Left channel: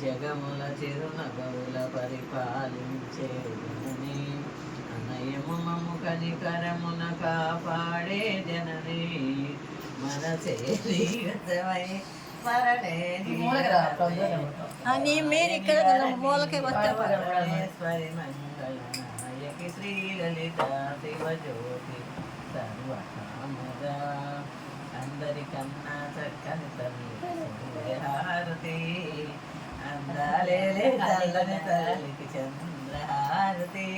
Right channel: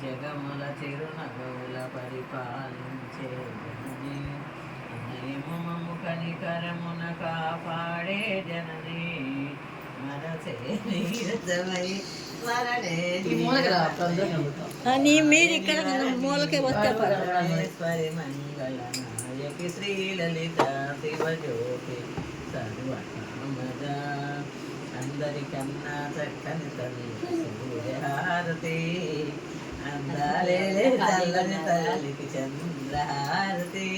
జగముల చిరునగముల పరిపాలించే జనని అనయమము కనికరమున కాపాడే జనని మనసే నీరసమై మీరు ఇక్కడ మూలకి వస్తే పరమేశ్వరి మంగళ నాయకి శ్రీలలిత శివజ్యోతి సర్వకామద అందరికన్నా చక్కని తల్లి సూర్యహారతి అందాలే తల్లని తల్లికి చంద్రహారతి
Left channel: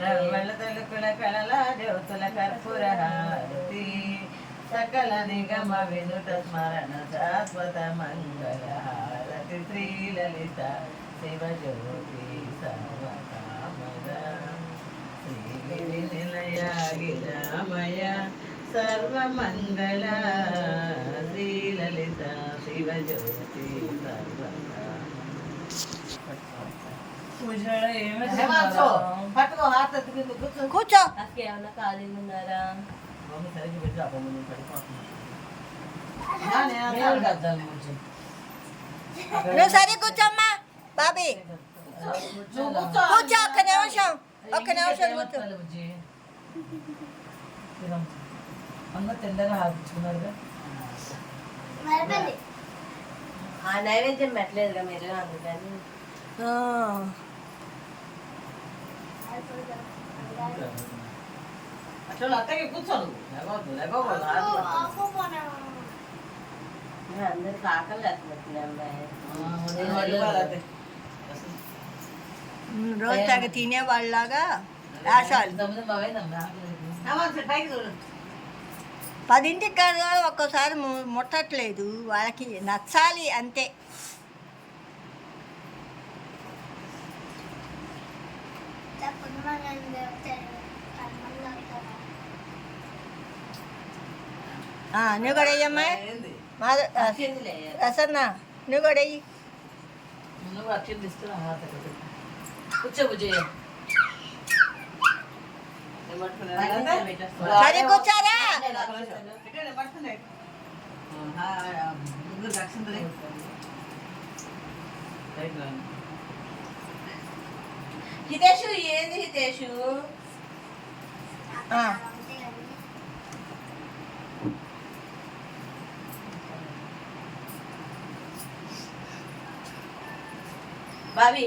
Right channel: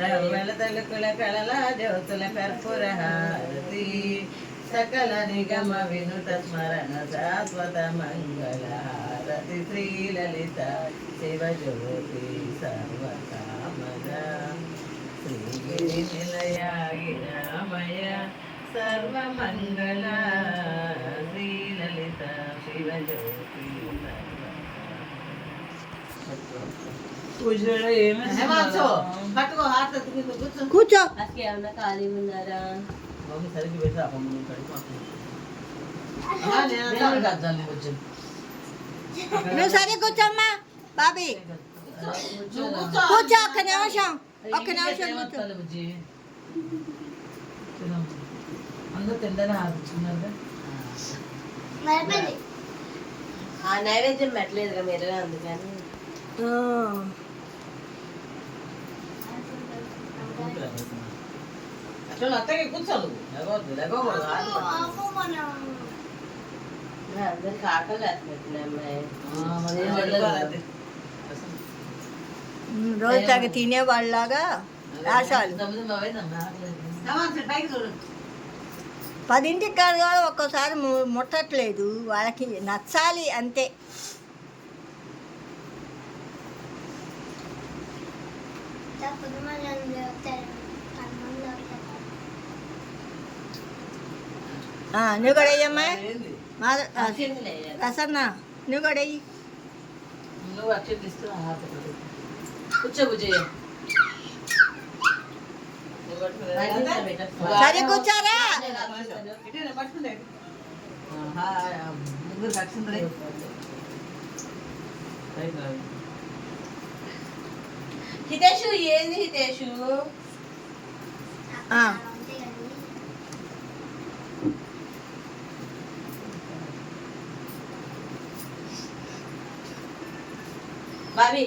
రవ్వల తలుకుల కళల జ్యోతుల కర్పూర హారతి సకల నిగమ వినుత స్మరణ శాశ్వత మంగళ హారతి శ్రీలలిత శివజ్యోతి సర్వకామద శ్రీగిరి నిలయ గిరామయ సర్వమంగళ శ్రీలలిత శివజ్యోతి కూర్చో. ఖాళీ ఉన్నారా? సరిగ్గా పెట్టి నువ్వు సరే కూర్చోమ్మా బాబీ. కూర్చో ఒక్క నిమిషం కూర్చో. అందరూ తిండనే ఆపించుకున్నారుగా. ఆ నైవేద్యం పెట్టలేదుగా మీరు, అందుకని అట్లా అత్తకి కూర్చోను అందరికి ఆకలి వేస్తున్నట్టున్నాయి. రోజు తాగి తినేవాళ్ళలాగా వేషాలు. 10ంటికి కాదు కూడా ఒక్కోసారి ముట్టట్లేదు, వాళ్ళకి నచ్చాలి అంతే. నువ్వు కూడా అయ్యమ్మా రసన్న, నువ్వు కూడా అయ్యి. నువ్వు అక్షింత ఇస్తున్నా కూర్చోబుజ్జయ్య. సరే కూర్చోరా. హితేషు ఏంది హితేషు? బాబీ